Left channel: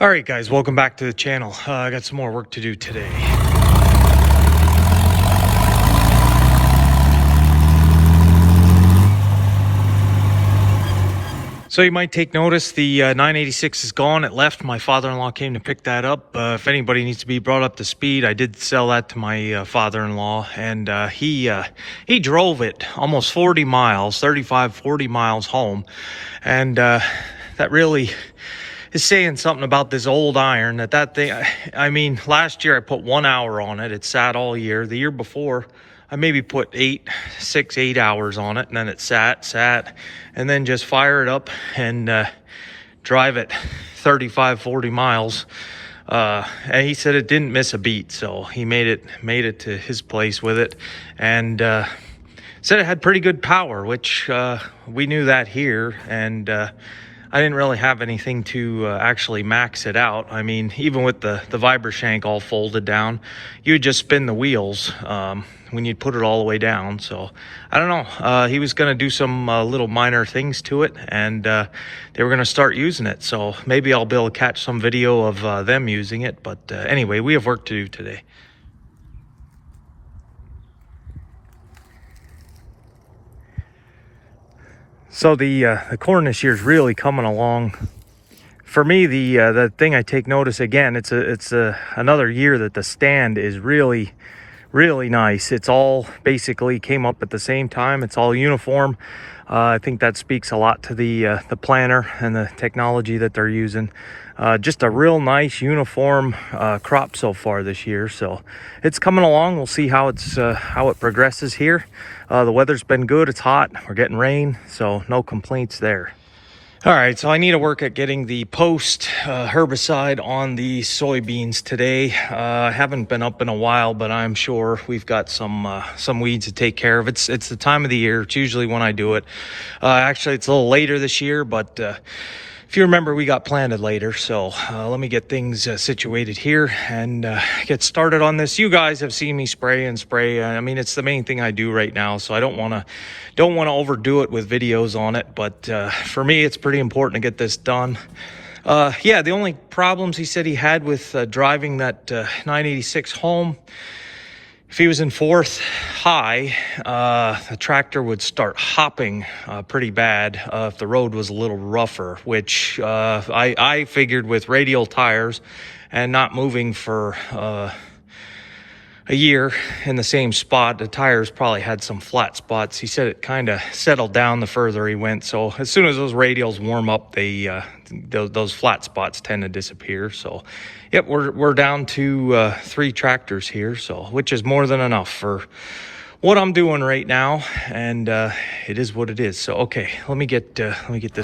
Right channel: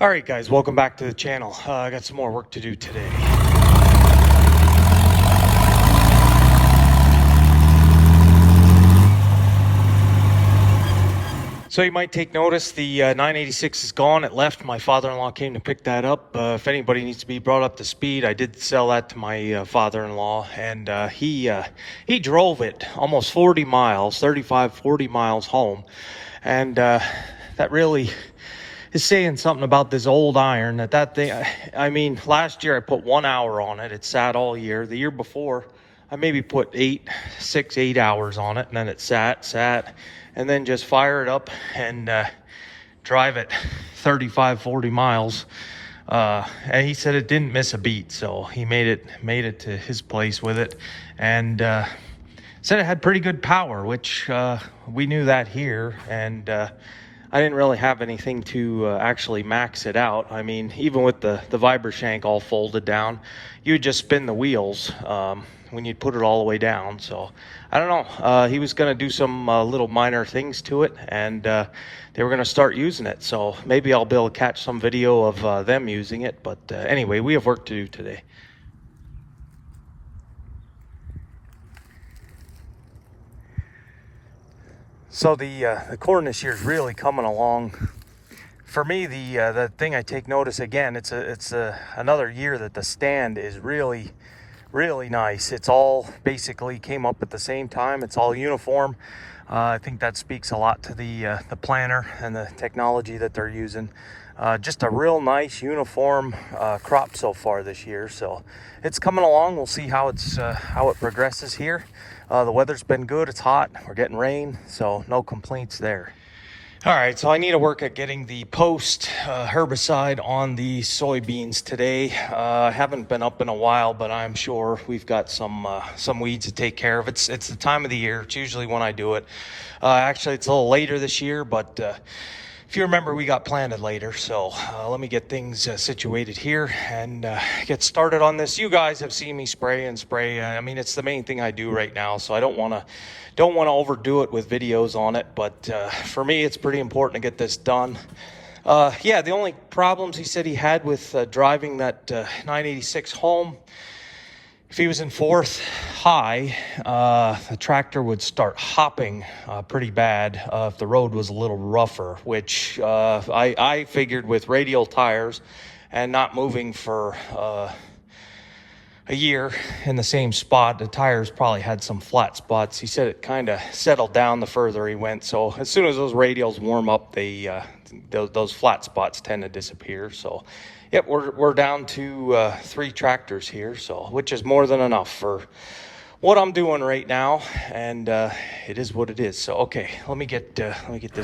All right, guys, welcome back to the channel. I got some more work to do today. So you might take notice the 986 is gone. It left. My father-in-law came to pick that up. If anybody needs to be brought up to speed, I did sell that to my father-in-law, and he drove it almost 40 miles, 35, 40 miles home, and that really is saying something about this old iron. That thing, I mean, last year I put 1 hour on it. It sat all year. The year before, I maybe put 6, 8 hours on it, and then it sat, and then just fire it up and drive it 35, 40 miles. And he said it didn't miss a beat, so he made it to his place with it, and said it had pretty good power, which we knew that here, and I didn't really have anything to actually max it out. I mean, even with the Vibra-Shank all folded down, you would just spin the wheels when you'd put it all the way down. So I don't know. He was going to do some little minor things to it, and they were going to start using it. So maybe I'll be able to catch some video of them using it. But anyway, we have work to do today. So the corn this year is really coming along. For me, the thing I take notice again, it's another year that the stand is really nice. It's all basically came up at the same time. It's all uniform. I think that speaks a lot to the planter and the technology that they're using. Just a real nice uniform crop so far this year. So it's coming along. We'll see how it progresses here. The weather's been good. It's hot. We're getting rain, so no complaints there. All right, so I need to work at getting the post herbicide on the soybeans today. I haven't been up in a while, but I'm sure we've got some weeds to take care of. It's the time of the year. It's usually when I do it. Actually, it's a little later this year, but if you remember, we got planted later. So let me get things situated here and get started on this. You guys have seen me spray and spray. I mean, it's the main thing I do right now, so I don't want to overdo it with videos on it. But for me, it's pretty important to get this done. Yeah, the only problems he said he had with driving that 986 home, if he was in fourth high, the tractor would start hopping pretty bad if the road was a little rougher, which I figured with radial tires and not moving for a year in the same spot, the tires probably had some flat spots. He said it kind of settled down the further he went. So as soon as those radials warm up, those flat spots tend to disappear. So yep, we're down to 3 tractors here, so which is more than enough for what I'm doing right now, and it is what it is. So okay, let me get this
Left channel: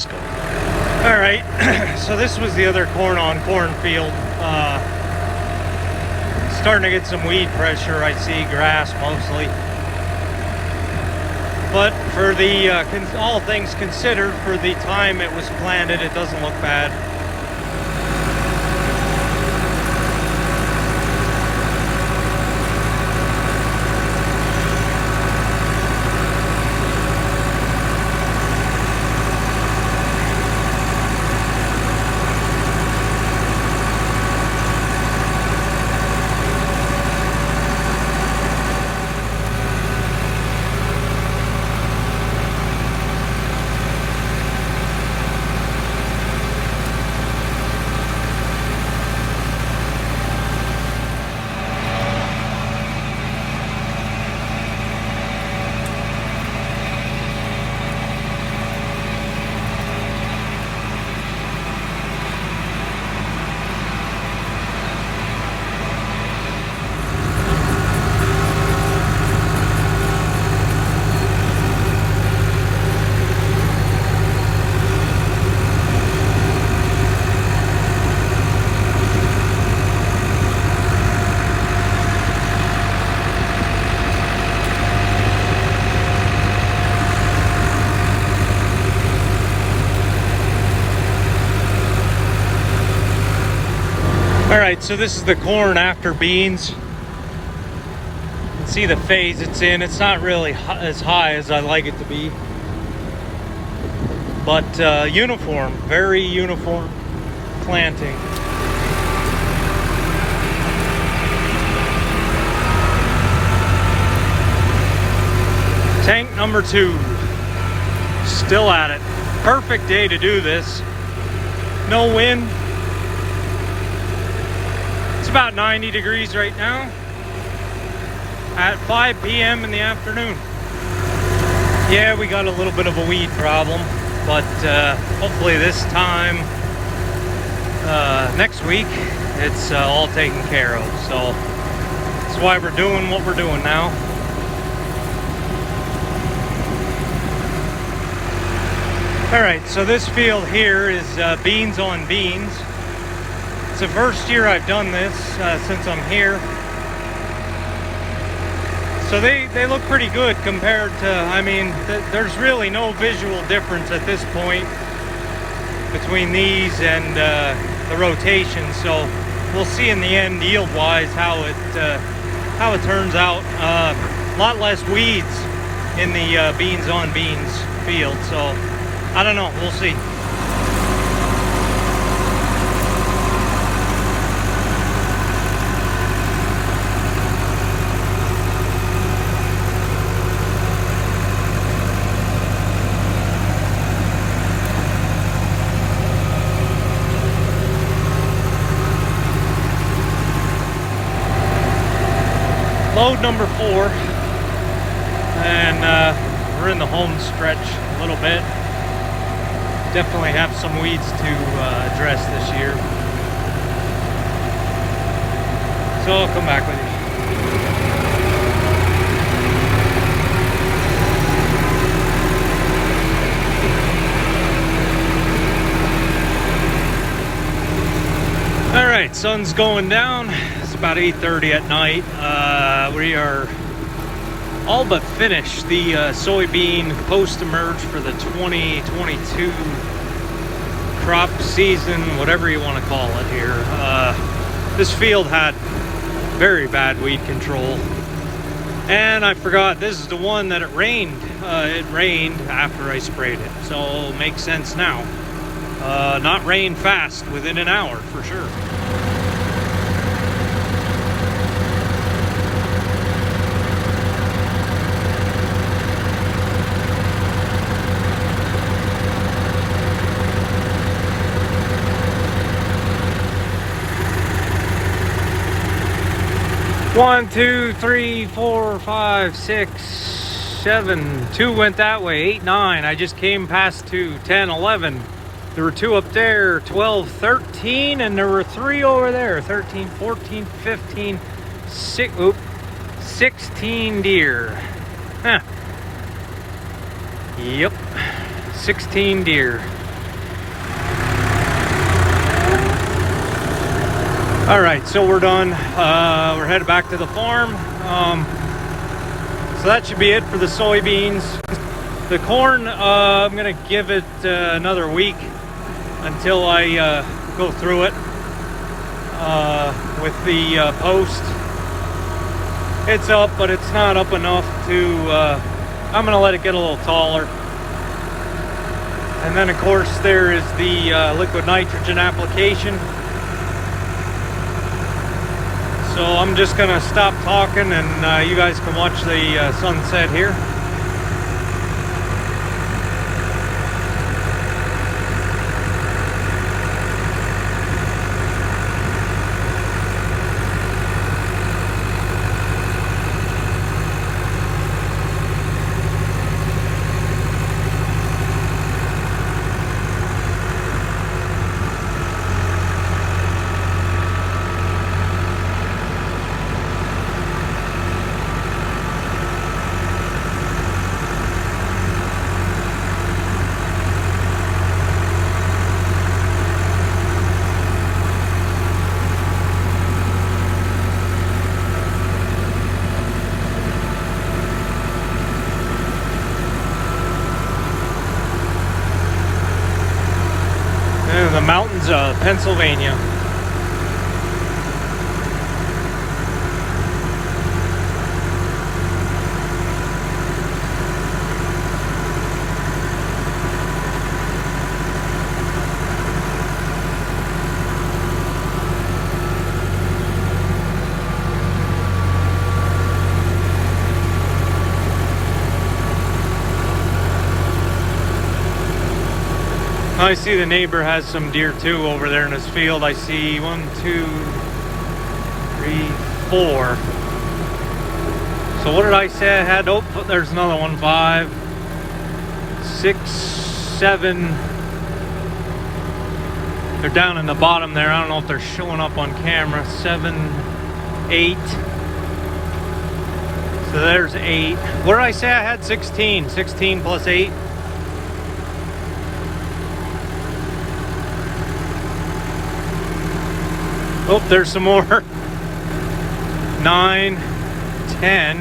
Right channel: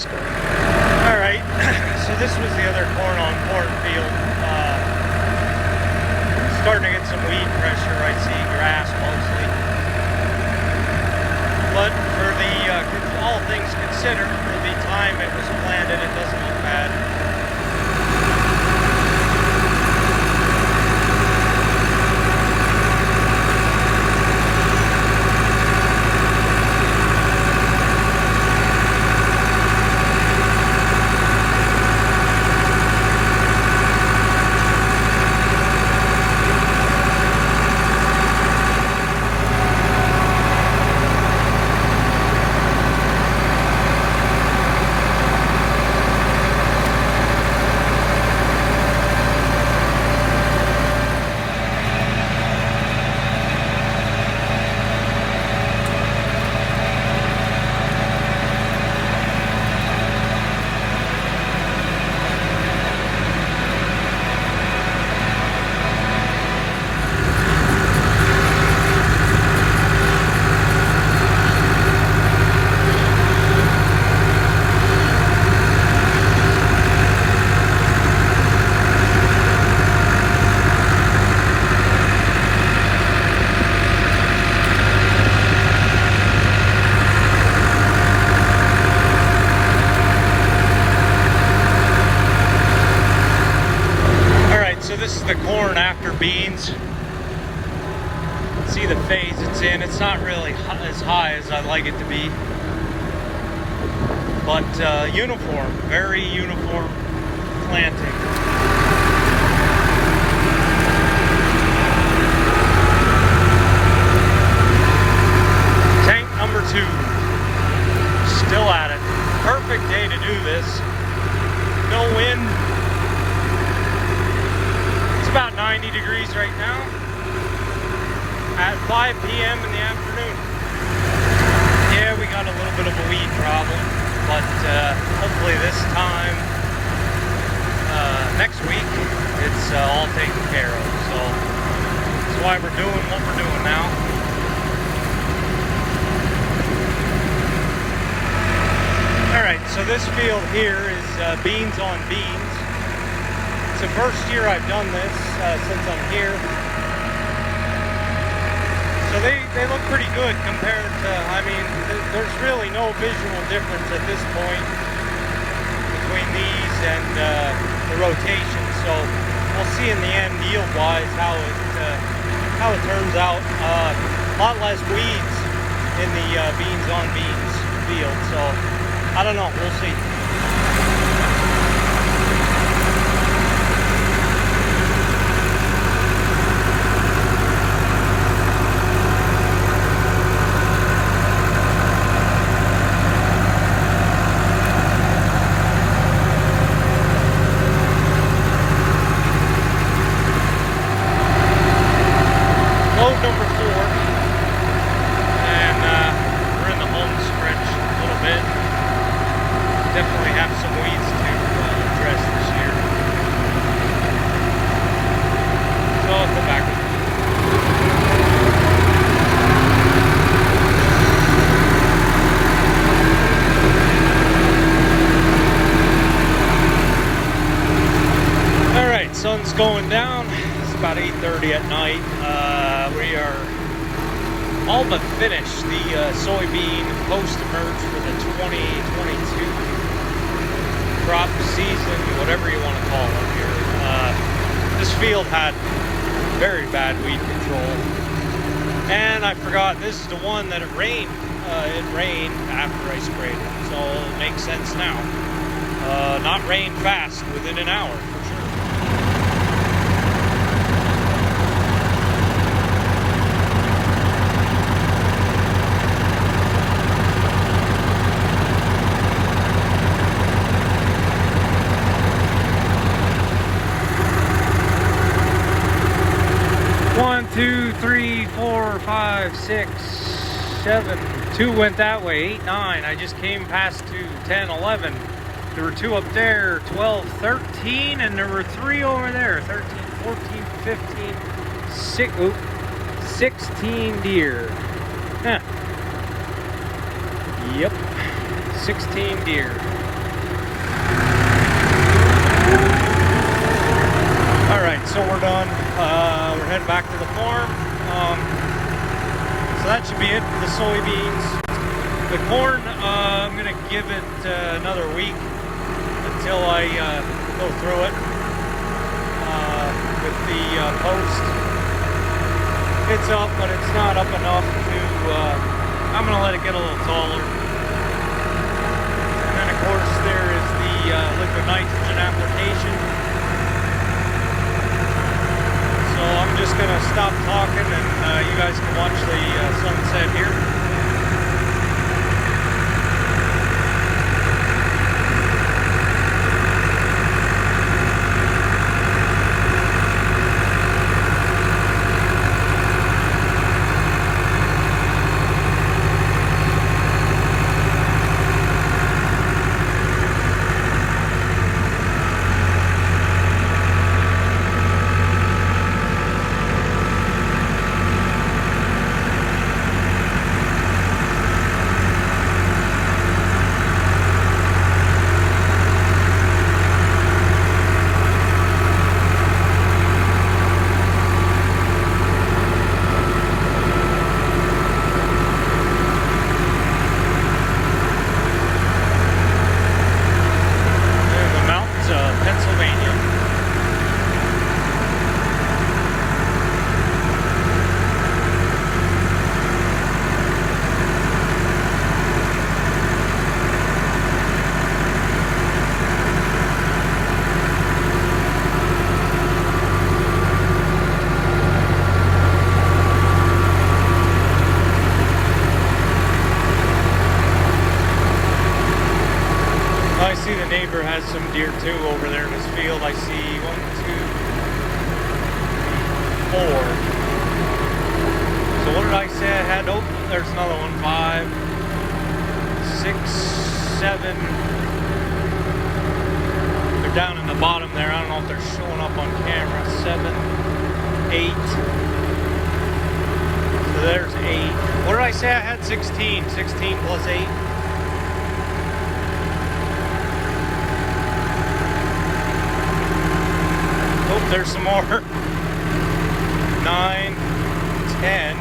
going. All right, so this was the other cornfield. Starting to get some weed pressure. I see grass mostly, but for all things considered, for the time it was planted, it doesn't look bad. This is the corn after beans. You can see the phase it's in. It's not really as high as I'd like it to be, but uniform, very uniform planting. no wind. It's about 90 degrees right now at 5 p.m. in the afternoon. Yeah, we got a little bit of a weed problem, but hopefully this time next week it's all taken care of. So that's why we're doing what we're doing now. Alright, so this field here is beans on beans. It's the first year I've done this since I'm here. So they look pretty good compared to, I mean, there's really no visual difference at this point between these and the rotation. So we'll see in the end, yield-wise, how it turns out. A lot less weeds in the beans on beans field. So I don't know, we'll see. Load number 4, and we're in the home stretch a little bit. Definitely have some weeds to address this year. So I'll come back. Alright, sun's going down. It's about 8:30 at night. We are all but finished the soybean post-emerge for the 2022 crop season, whatever you want to call it here. This field had very bad weed control, and I forgot, this is the one that it rained after I sprayed it, so it makes sense now. Not rain fast, within an hour for sure. One, two, three, 4, 5, 6, 7. 2 went that way. 8, 9. I just came past 2, 10, 11. There were 2 up there. 12, 13, and there were 3 over there. 13, 14, 15, 16 deer. Huh. Yep. 16 deer. Alright, so we're done. We're headed back to the farm. So that should be it for the soybeans. The corn, I'm going to give it another week until I go through it with the post. It's up, but it's not up enough to... I'm going to let it get a little taller. And then, of course, there is the liquid nitrogen application. So I'm just going to stop talking, and you guys can watch the sunset here. Pennsylvania. I see the neighbor has some deer too over there in his field. I see 1, 2, 3, 4. So what did I say I had? Oh, there's another one. 5, 6, 7. They're down in the bottom there. I don't know if they're showing up on camera. 7, 8. So there's 8. What did I say I had? 16. 16 plus 8. Oh, there's some more. 9, 10,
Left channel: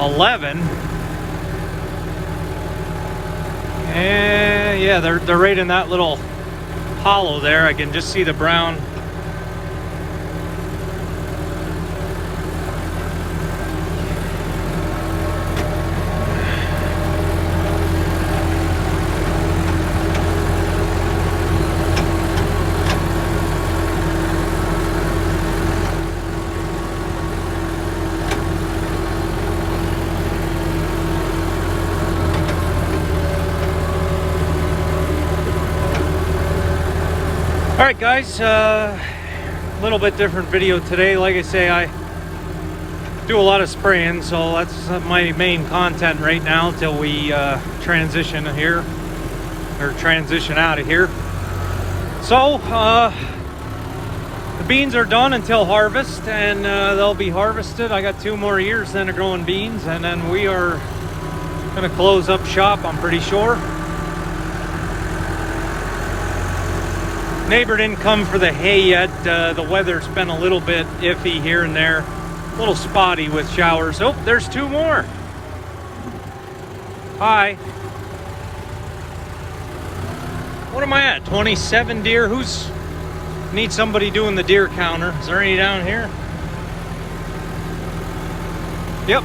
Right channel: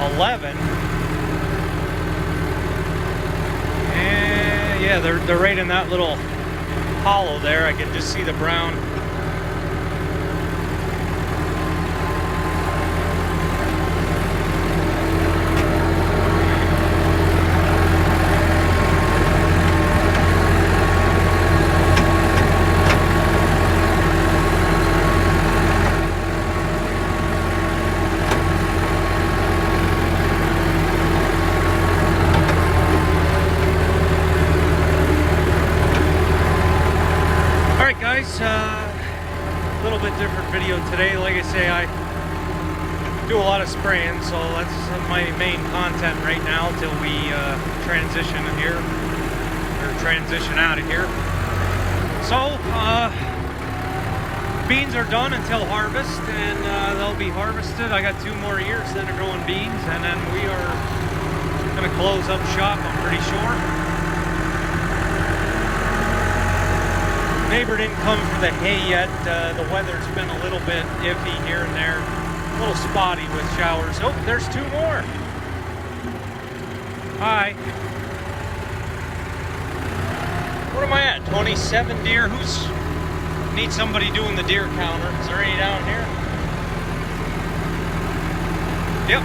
11. And yeah, they're right in that little hollow there. I can just see the brown. Alright guys, a little bit different video today. Like I say, I do a lot of spraying, so that's my main content right now until we transition here, or transition out of here. So, beans are done until harvest, and they'll be harvested. I got 2 more years then of growing beans, and then we are going to close up shop, I'm pretty sure. Neighbor didn't come for the hay yet. The weather's been a little bit iffy here and there, a little spotty with showers. Oh, there's 2 more. Hi. What am I at? 27 deer. Need somebody doing the deer counter? Is there any down here? Yep.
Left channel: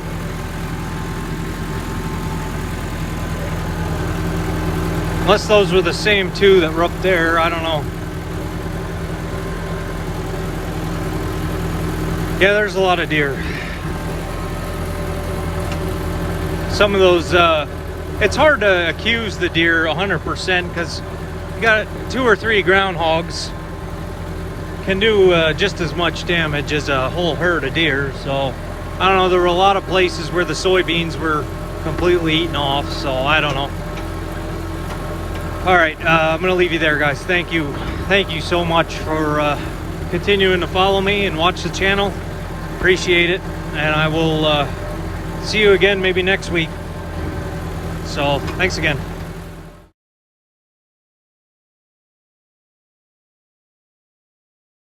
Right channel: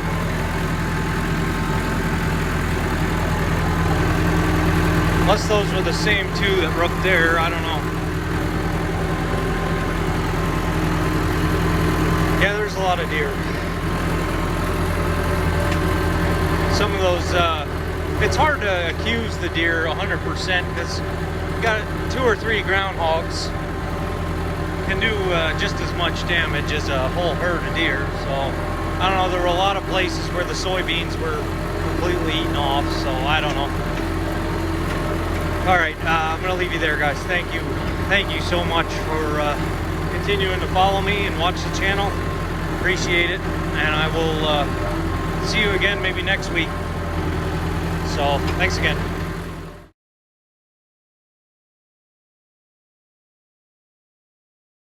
Unless those were the same 2 that were up there, I don't know. Yeah, there's a lot of deer. Some of those, it's hard to accuse the deer 100% because you got 2 or 3 groundhogs can do just as much damage as a whole herd of deer. So, I don't know, there were a lot of places where the soybeans were completely eaten off, so I don't know. Alright, I'm going to leave you there, guys. Thank you so much for continuing to follow me and watch the channel. Appreciate it, and I will see you again maybe next week. So thanks again.